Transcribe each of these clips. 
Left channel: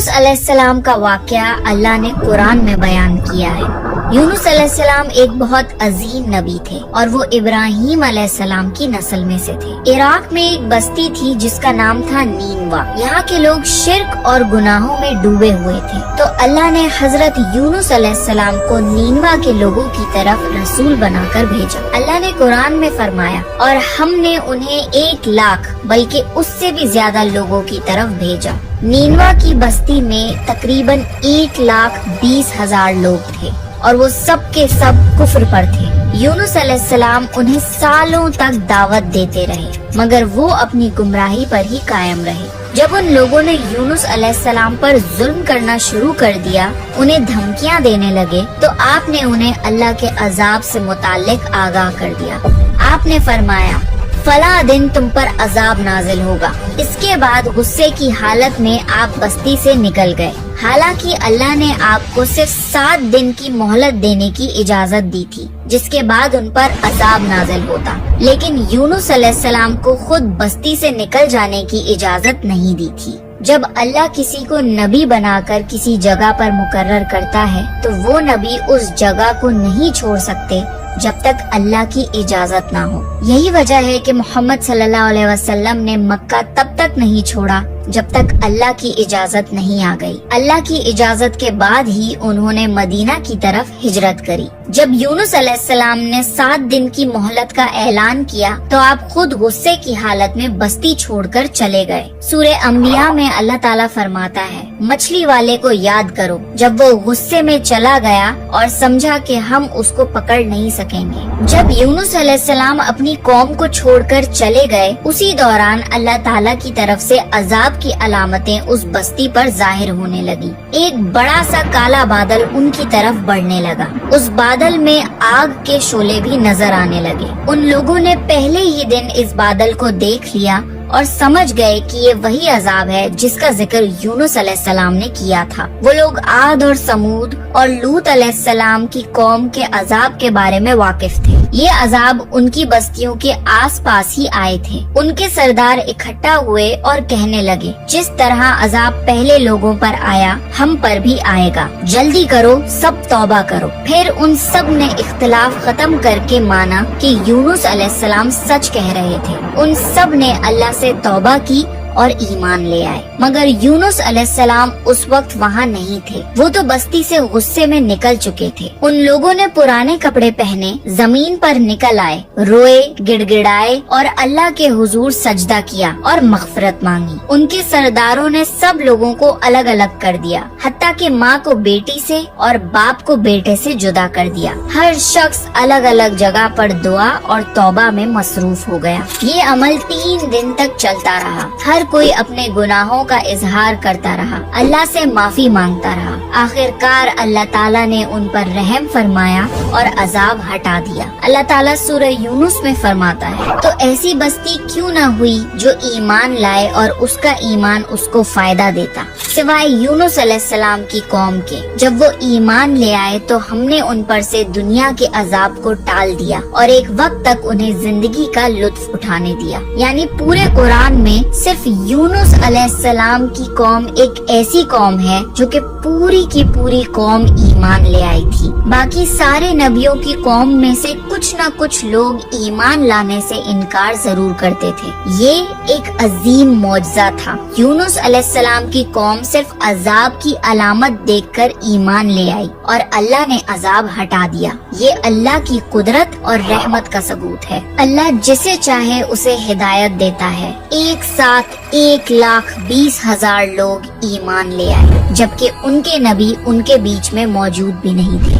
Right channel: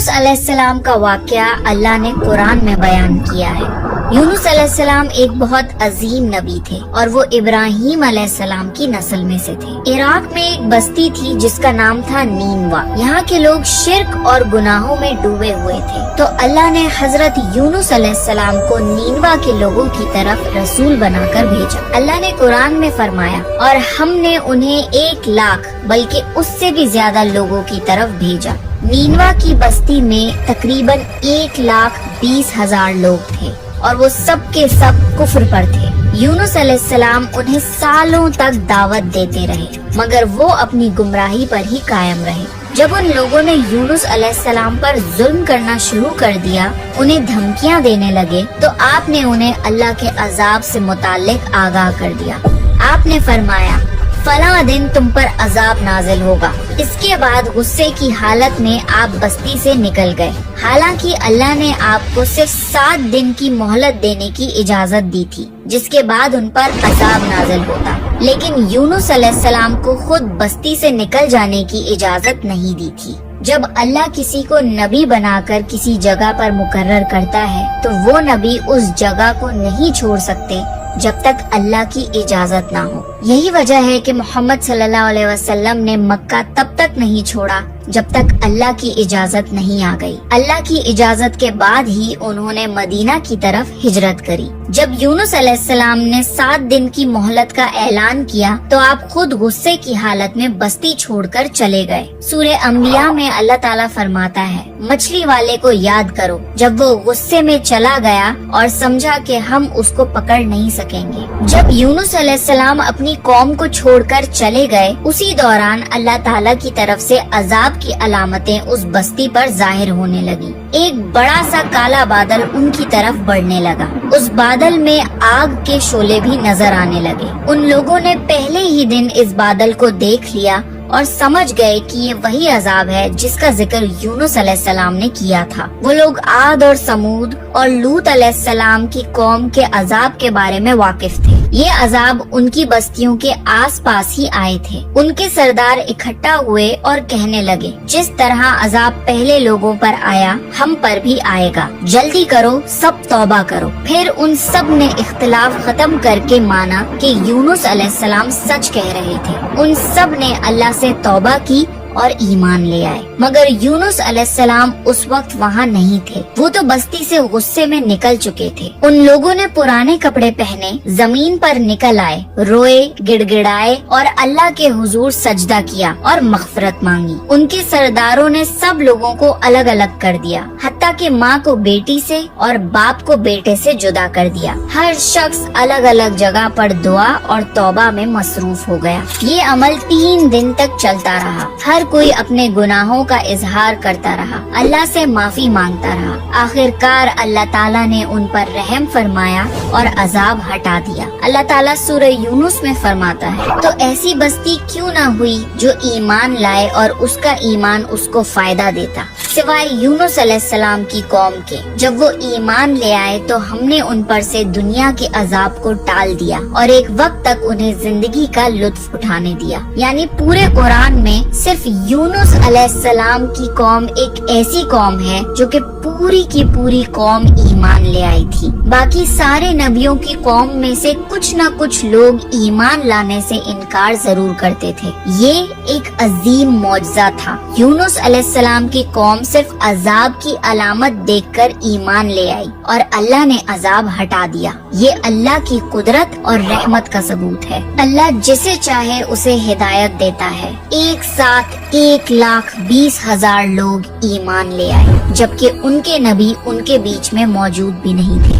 यूनुस अलैहिस्सलाम का वाक़या अल्लाह ने कुरान में बयान किया है। यूनुस अलैहिस्सलाम एक बहुत अजीम नबी थे और वो इब्राहीम अलैहिस्सलाम की नस्ल में से थे। इराक में एक बस्ती थी जिसका नाम था नीनवा। यहाँ के लोग शिर्क और गुनाहों में डूबे हुए थे, तो अल्लाह ने हजरत यूनुस अलैहिस्सलाम को नीनवा के लोगों की तरफ रसूल बनाकर भेजा। अल्लाह ने कुरान में फरमाया, और हमने उन्हें 1 लाख बल्कि उससे भी ज्यादा लोगों की तरफ भेजा। नीनवा की बस्ती में तकरीबन 1,20,000 लोग थे और वो सब के सब कुफ्र पर थे। यूनुस अलैहिस्सलाम उन्हें सालों तक दावत देते रहे, मगर वो अपनी गुमराही पर ही कायम रहे। जब उन लोगों ने यूनुस अलैहिस्सलाम पर जुल्म करना शुरू कर दिया, उन्हें धमकियां देने लगे, तो आपने उन्हें अल्लाह के अजाब से मुताल्लिक आगाह कर दिया। आपने फरमाया, फला दिन तुम पर अजाब नाजिल होगा। इसके बाद गुस्से की हालत में आप बस्ती से निकल गए। हालांकि अल्लाह ने आपको सिर्फ 7 दिन की मोहलत देने की इजाजत दी थी, जिसके बाद उन पर अजाब नाजिल होता, लेकिन यूनुस अलैहिस्सलाम को खुद बस्ती से निकल जाने की इजाजत नहीं दी थी। जब अल्लाह किसी को नबी बनाकर किसी जगह पर मुकर्रर करता है, तो वो नबी उस जगह को नहीं छोड़ सकते जब तक अल्लाह की इजाजत ना हो। यही वजह है कि मोहम्मद सल्लल्लाहु अलैहि वसल्लम ने मक्का तब तक नहीं छोड़ा जब तक अल्लाह की इजाजत नहीं आ गई। अल्लाह की इजाजत के बाद ही उन्होंने मदीना की तरफ हिजरत करी। जब यूनुस अलैहिस्सलाम ने 7 दिन की मोहलत का ऐलान किया, तो आप खुद गुस्से की हालत में बस्ती छोड़कर चले गए। सूरे अंबिया में अल्लाह ताला फरमाता है, मछली वाले को याद करो जब वो गुस्से में चला गया और समझा कि हम उसको पकड़ नहीं सकेंगे। जब यूनुस अलैहिस्सलाम अपनी कौम को छोड़कर चले गए, उसी दौरान अल्लाह ताला की तरफ से अजाब की अलामतें उस बस्ती पर जाहिर होने लगी। एक बड़ा सा काला बादल उनकी तरफ बढ़ने लगा। उस बादल में आग के शोले भी नजर आने लगे। उन लोगों ने पहले ही दिन इस बादल को देख लिया और समझ गए कि ये वही अजाब है जिसका जिक्र यूनुस अलैहिस्सलाम ने किया था। वो लोग आद और समूद और लूत अलैहिस्सलाम की कौम के अजाब के बारे में वाकिफ थे। ये अजाब उनकी बस्तियों के आसपास ही आए थे। उनके सरदार इकट्ठा हुए और कहने लगे, जिस तरह अजाब पहले लोगों पर आया, हम पर भी आएगा। जल्दी करो, सब तौबा करो। फिर उन सब ने इख्तिलाफ खत्म करके माना कि यूनुस अलैहिस्सलाम सच कह रहे थे। उन सब ने अल्लाह से तौबा की और ईमान ले आए, मगर यूनुस अलैहिस्सलाम उस वक्त वहाँ नहीं थे। वो तो बस्ती से गुस्से में निकल चुके थे। उन लोगों ने पुराने कपड़े पहने जमीन पर निकल आए, रोए, गिड़गिड़ाए और अल्लाह के हुजूर सजदा किया और मग़फ़िरत मांगी। उनके सरदारों ने सब लोगों को अलग अलग कर दिया, हत्ता कि माँ को बेटी से और बाप को बेटे से जुदा कर दिया। हर शख्स अलग अलग जगह पर दुआ और तौबा में मसरूफ हो गया। ये अमल 3 दिन तक चलता रहा। हर कोई अपने गुनाहों का इजहार करता रहा, अल्लाह से माफी मांगता रहा। आखिरकार अल्लाह ताला ने उन पर रहम फरमाया और अजाब हटा दिया। अल्लाह ताला सूरह यूनुस में फरमाता है, तो ऐसी बस्ती क्यों ना हुई जो ईमान लाए और उसका ईमान उसको फायदा देता, सिवाय यूनुस अलैहिस्सलाम की कौम के। जब वो ईमान ले आए तो हमने उन पर से दुनिया के अजाब को टाल दिया और एक वक्त तक उन्हें जिंदगी का लुत्फ उठाने दिया। यानी पूरे कुरान में सिर्फ यूनुस अलैहिस्सलाम की कौम एक ऐसी कौम है जो कि पूरी की पूरी कौम ईमान ले आई थी। बाकी सारे नबियों की कौम में से कुछ न कुछ लोग ईमान लाने से इनकार जरूर करते थे। ये एक अजीम मौजज़ा था। यूनुस अलैहिस्सलाम की कौम सिर्फ अजाब की अलामत देखकर ईमान ले आई और अल्लाह ने अजाब हटा दिया। ये अल्लाह की कुदरत और रहमत का सबूत है। अल्लाह जिसे चाहे उसे हिदायत देता है। एक साथ 1,20,000 लोग ईमान ले आए, जबकि उनके नबी उनके बीच में मौजूद भी नहीं थे।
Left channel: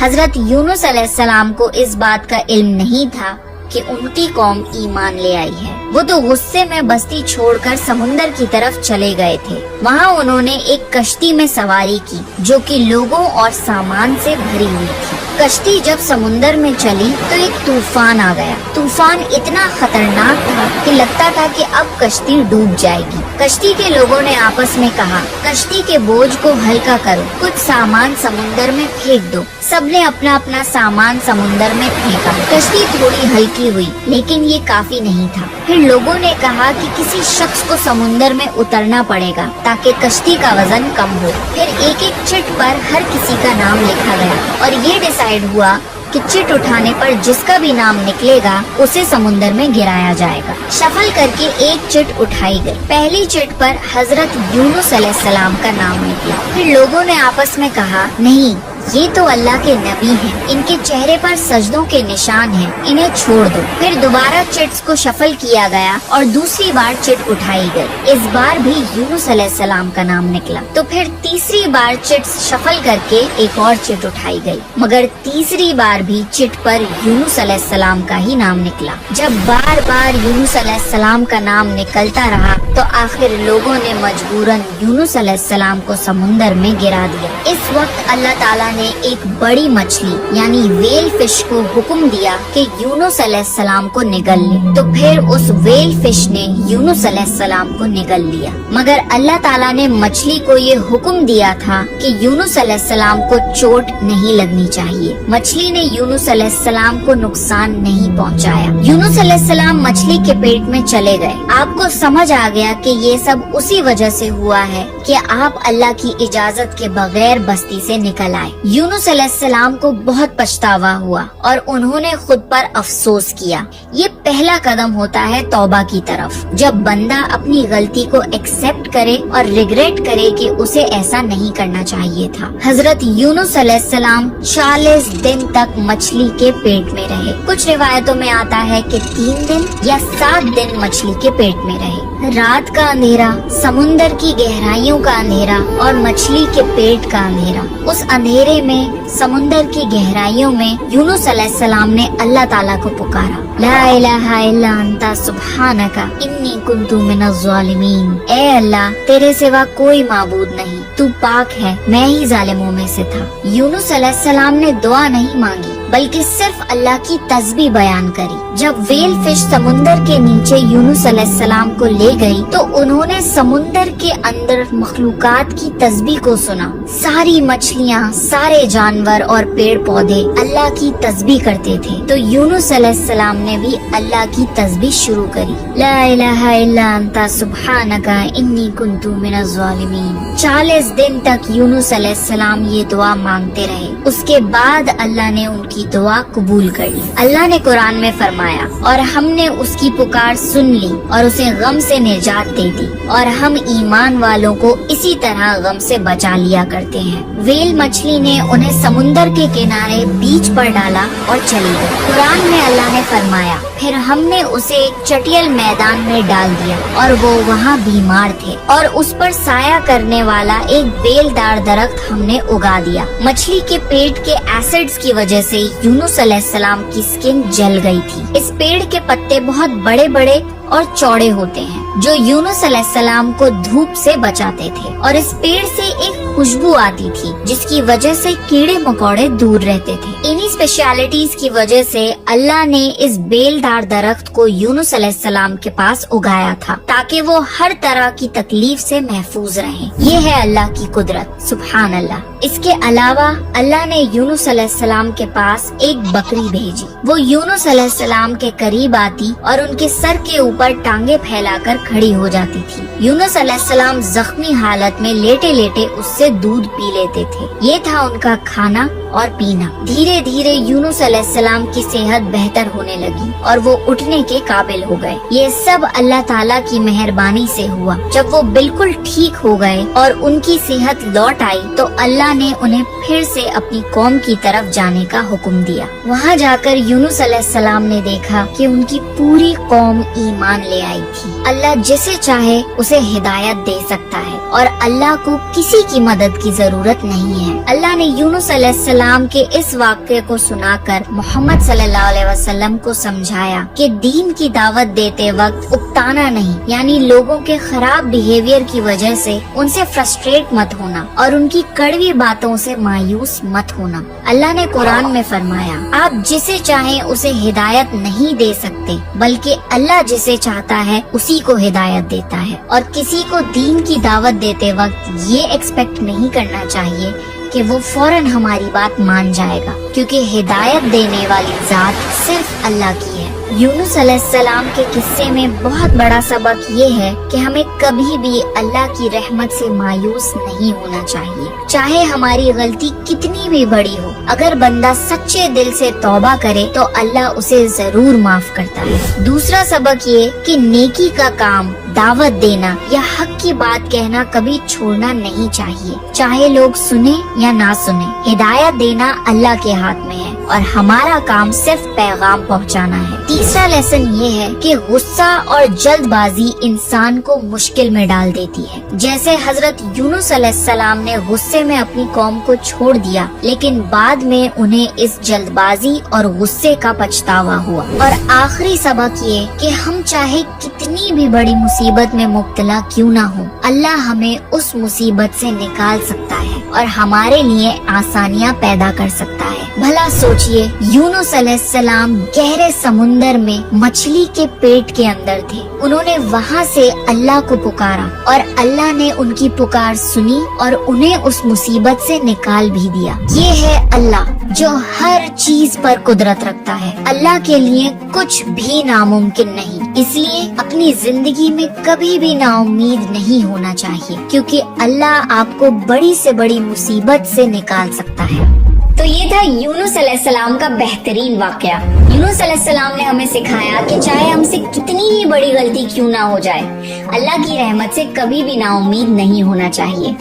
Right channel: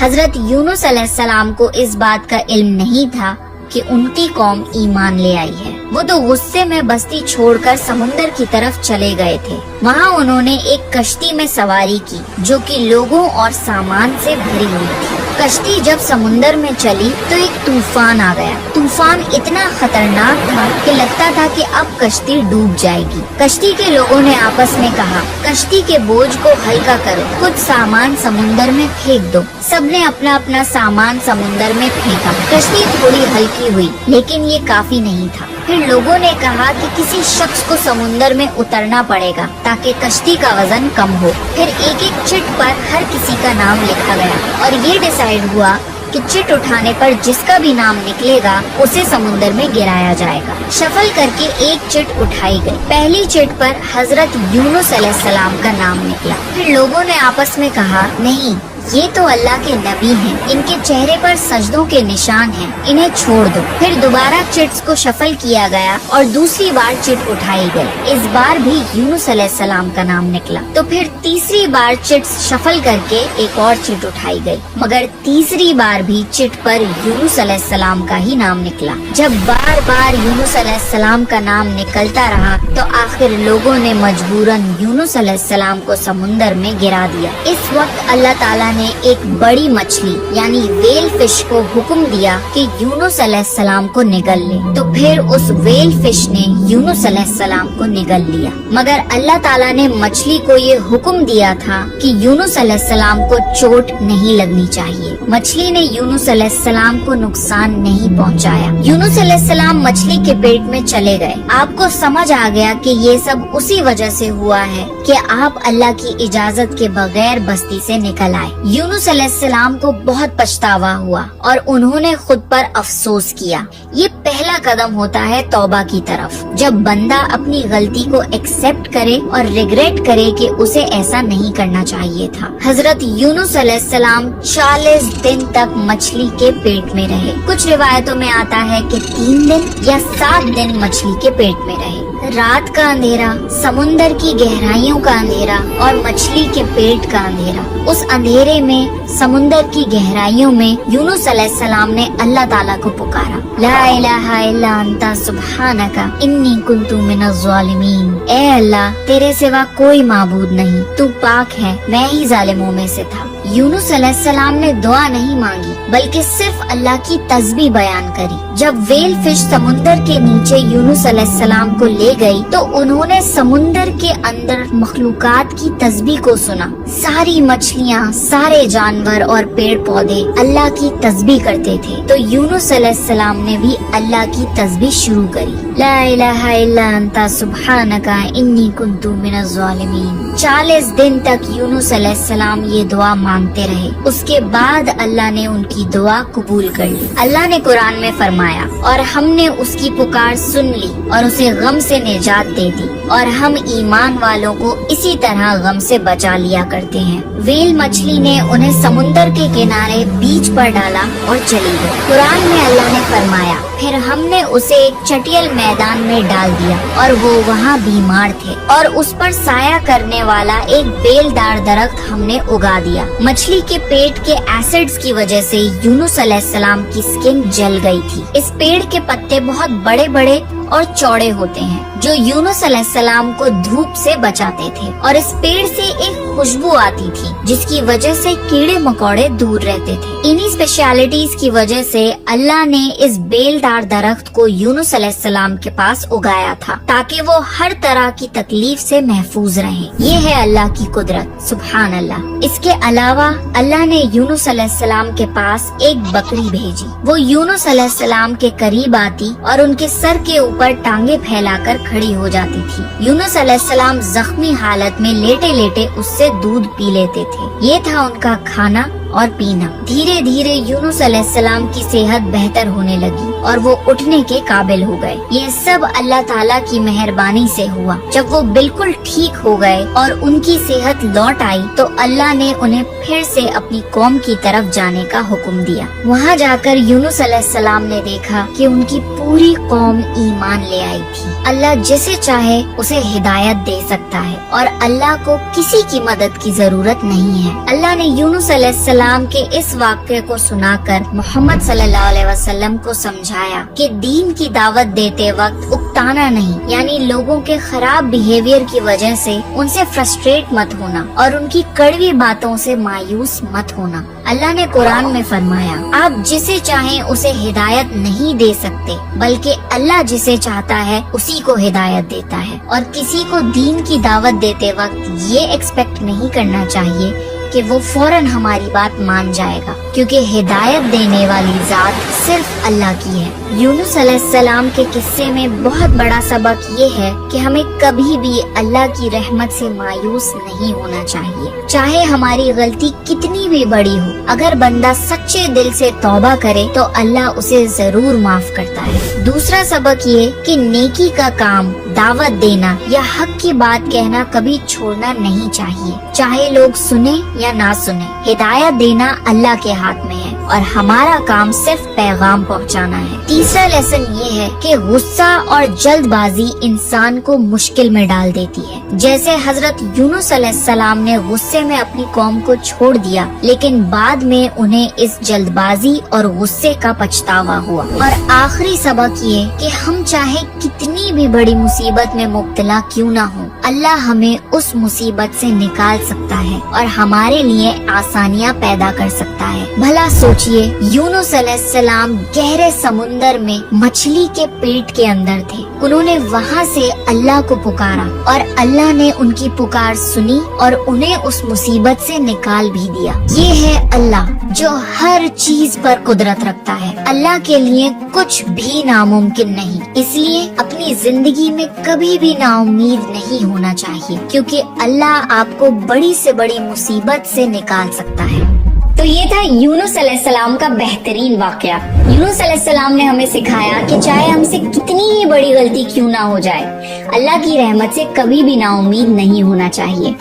हजरत यूनुस अलैहिस्सलाम को इस बात का इल्म नहीं था कि उनकी कौम ईमान ले आई है। वो तो गुस्से में बस्ती छोड़कर समुंदर की तरफ चले गए थे। वहाँ उन्होंने एक कश्ती में सवारी की जो कि लोगों और सामान से भरी हुई थी। कश्ती जब समुंदर में चली तो एक तूफान आ गया। तूफान इतना खतरनाक था कि लगता था कि अब कश्ती डूब जाएगी। कश्ती के लोगों ने आपस में कहा, कश्ती के बोझ को हल्का करो, कुछ सामान समुंदर में फेंक दो। सबने अपना अपना सामान समुंदर में फेंका। कश्ती थोड़ी हल्की हुई, लेकिन ये काफी नहीं था। پھر لوگوں نے کہا کہ کسی شخص کو سمندر میں اترنا پڑے گا تاکہ کشتی کا وزن کم ہو۔ پھر ایک ایک چٹ پر ہر کسی کا نام لکھا گیا اور یہ ڈیسائیڈ ہوا کہ چٹ اٹھانے پر جس کا بھی نام نکلے گا اسے سمندر میں گرایا جائے گا۔ شفل کر کے ایک چٹ اٹھائی گئی۔ پہلی چٹ پر حضرت یونس علیہ السلام کا نام نکلا۔ پھر لوگوں نے آپس میں کہا، نہیں، یہ تو اللہ کے نبی ہیں، ان کے چہرے پر سجدوں کے نشان ہیں، انہیں چھوڑ دو۔ پھر دوبارہ چٹس کو شفل کیا گیا اور دوسری بار چٹ اٹھائی گئی۔ اس بار بھی یونس علیہ السلام کا نام نکلا۔ تو پھر تیسری بار چٹس شفل کر کے ایک اور چٹ اٹھائی گئی، مگر تیسری بار بھی چٹ پر یونس علیہ السلام کا ہی نام نکلا۔ جب بار بار یونس علیہ السلام کا نام نکلتا رہا تو آخر لوگوں نے مجبوراً یونس علیہ السلام کو سمندر میں گرا دیا۔ اس وقت اللہ تعالیٰ نے ایک بڑی مچھلی یعنی ویل فش کو حکم دیا کہ یونس علیہ السلام کو نگل لے۔ تو پھر اس ویل فش نے یونس علیہ السلام کو نگل لیا، مگر اللہ تعالیٰ نے مچھلی کو یہ حکم دیا تھا کہ یونس علیہ السلام کو چوٹ نہیں لگنی چاہیے۔ مچھلی نے یونس علیہ السلام کو نقصان نہیں پہنچایا۔ یونس علیہ السلام مچھلی کے پیٹ میں چلے گئے۔ آپ کو سمجھ آ گیا کہ یہ سب اسی وجہ سے ہوا ہے کہ آپ اللہ کی اجازت کے بغیر بستی سے نکل آئے۔ یونس علیہ السلام کو بہت پچھتاوا ہوا اور انہوں نے خود پر افسوس کیا۔ یہ پہلا قدم ہوتا ہے توبہ کی طرف، جب بندہ اپنی غلطی کو ایکسپٹ کرے اور ریگریٹ کرے کہ اسے ایسا نہیں کرنا چاہیے تھا۔ حضرت یونس علیہ السلام 40 دن تک مچھلی کے پیٹ میں رہے۔ کچھ روایتوں میں آتا ہے کہ 3 دن یا 7 دن مچھلی کے پیٹ میں رہے۔ رات کا اندھیرا، سمندر کی گہرائیوں کا اندھیرا اور مچھلی کے پیٹ کا اندھیرا، اس اندھیرے میں سمندر کی گہرائیوں میں یونس علیہ السلام نے اللہ تعالیٰ کو پکارا، لا الہ الا انت سبحانک انی کنت من الظالمین۔ اے اللہ، تیرے سوا کوئی معبود نہیں، تو پاک ہے، میں ہی ظالموں میں سے تھا۔ یونس علیہ السلام نے دعا نہیں مانگی بلکہ صرف اللہ کی تسبیح بیان کری۔ جب ویل فش سمندر کے نیچے یونس علیہ السلام کو لے گئی تو انہوں نے سمندر کے اندر مخلوقات کی تسبیح کو سنا۔ ساری مچھلیاں، سارے جانور اور پیڑ پودے اللہ کی تسبیح کرتے تھے، تو یونس علیہ السلام نے بھی اللہ کی تسبیح شروع کری، لا الہ الا انت سبحانک انی کنت من الظالمین۔ 40 دن تک یونس علیہ السلام یہ دعا مانگتے رہے۔ اس کے بعد اللہ نے ان کی دعا قبول کر لی۔ اللہ نے قرآن میں فرمایا، اور ہم نے اس کی پکار سن لی اور اسے غم سے نجات دے دی، اور ہم ایمان والوں کو اسی طرح غم سے بچا لیا کرتے ہیں۔ ویل مچھلی نے انہیں سمندر کے کنارے بیچ پر ڈالا اور چلی گئی۔ قرآن میں اللہ نے فرمایا، پھر ہم نے اسے ایک چٹیل میدان میں ڈال دیا اور وہ وہاں بیمار تھے، اور اس پر سایہ کرنے والا ایک بیل دار درخت ہم نے اگا دیا۔ مچھلی کے پیٹ کے ایسڈز کی وجہ سے یونس علیہ السلام کی سکن جل گئی تھی۔ اس پیڑ کے پتے بہت بڑے بڑے اور چوڑے ہوتے ہیں جو یونس علیہ السلام کو دھوپ سے بچاتے تھے، اور اس پیڑ سے ایک خوشبو آتی تھی جس کی وجہ سے کیڑے مکوڑے دور رہتے تھے۔ انہی اسپیشلٹیز کی وجہ سے اللہ نے اس بیل دار درخت کو یونس علیہ السلام کے پاس اگایا تھا تاکہ وہ ہر طرح کی تکلیف سے محفوظ رہیں۔ یہ ہے اللہ کی قدرت، سبحان اللہ۔ اس کے علاوہ اللہ نے یونس علیہ السلام کے پاس ایک بکری بھیجی۔ وہ یونس علیہ السلام کے قریب آتی اور ان کے سر کے اوپر ٹانگیں پھیلا کر کھڑی ہو جاتی تھی۔ یونس علیہ السلام زخمی حالت میں لیٹے لیٹے اس سے دودھ پی لیتے تھے۔ یہ تھا ان کا کھانا اور پینا۔ دھیرے دھیرے یونس علیہ السلام کی صحت بہتر ہونے لگی اور وہ اٹھنے کے قابل ہو گئے۔ یہ سب اللہ تعالیٰ کی مہربانی سے ہوا۔ جب وہ بالکل ٹھیک ہو گئے اور ان کی صحت لوٹ آئی تو اللہ نے انہیں پھر سے اپنی قوم کی طرف جانے کا حکم دیا۔ وہاں جا کر یونس علیہ السلام نے دیکھا کہ ان کی پوری قوم ایمان لے آئی تھی۔ اللہ جسے چاہے اسے ہدایت دے سکتا ہے اور اللہ کو کسی کی مدد کی ضرورت نہیں ہے۔ اللہ نے یونس علیہ السلام کے اس واقعے کو سنا کر محمد صلی اللہ علیہ وسلم کو سمجھایا کہ دین کی دعوت دیتے وقت اکتانا نہیں، یعنی لوگوں کے خراب بیہیویئر کی وجہ سے ان سے فرسٹریٹ مت ہونا اور ان کی کڑوی باتوں سے مایوس مت ہونا۔ اللہ نے قرآن میں فرمایا، آپ جسے چاہیں اسے ہدایت نہیں دے سکتے، بلکہ اللہ جسے چاہتا ہے اسی کو ہدایت دیتا ہے، اور کسی کو دین کی دعوت دیتے وقت یہ ایکسپیکٹ نہیں کرنا چاہیے کہ وہ فوراً ہماری بات مان جائے گا، کیونکہ ہدایت دینے والی ذات صرف اللہ کی ہے۔ यूनुस अलैहिस्सलाम के किस्से में बहुत बड़ा सबक ये है कि हमें कभी भी अल्लाह की रहमत से मायूस नहीं होना चाहिए, चाहे हमारी गलती कितनी भी बड़ी हो। अगर बंदा सच्चे दिल से तौबा करे तो अल्लाह उसे जरूर माफ करता है। दूसरा सबक ये कि नेकी का काम, दावत देना या हक की बात कहना कभी छोड़ना नहीं चाहिए, चाहे लोग सुने या ना सुने। हिदायत देना अल्लाह के हाथ में है और हमारा काम सिर्फ पैगाम पहुंचाना है। तीसरा लेसन ये है कि गुस्सा और जल्दबाजी इंसान को मुश्किल में डाल देती है। जैसे हजरत यूनुस अलैहिस्सलाम ने गुस्से में अपनी कौम को छोड़ दिया, लेकिन बाद में उन्हें इस जल्दबाजी और गुस्से का पछतावा हुआ। और आखिरी सबक ये कि हम चाहे कितनी भी बड़ी मुसीबत में मुब्तला क्यों ना हो, अल्लाह हमें उस मुसीबत से निकाल सकता है और हमारे लिए आसानियाँ पैदा कर सकता है। भला सोचिए, यूनुस अलैहिस्सलाम गहरे समुंदर में मछली के पेट के अंदर थे। उन्होंने वहाँ से अल्लाह को पुकारा और अल्लाह ने उनकी पुकार सुनी और उन्हें उस मुसीबत से निकाल भी दिया। ये है अल्लाह जो हर चीज पर कुदरत रखता है। अल्लाह के लिए कुछ भी नामुमकिन नहीं, इसलिए अपनी जिंदगी में कभी भी नाउम्मीद नहीं होना चाहिए, क्योंकि अल्लाह आपको बड़ी से बड़ी मुसीबत से निकाल सकता है। तो ये था यूनुस अलैहिस्सलाम का बेहतरीन वाकया। यूनुस अलैहिस्सलाम ने हमें सिखाया कि चाहे हमसे कितनी ही बड़ी गलती क्यों ना हो जाए, अल्लाह की रहमत से कभी भी नाउम्मीद नहीं होना चाहिए।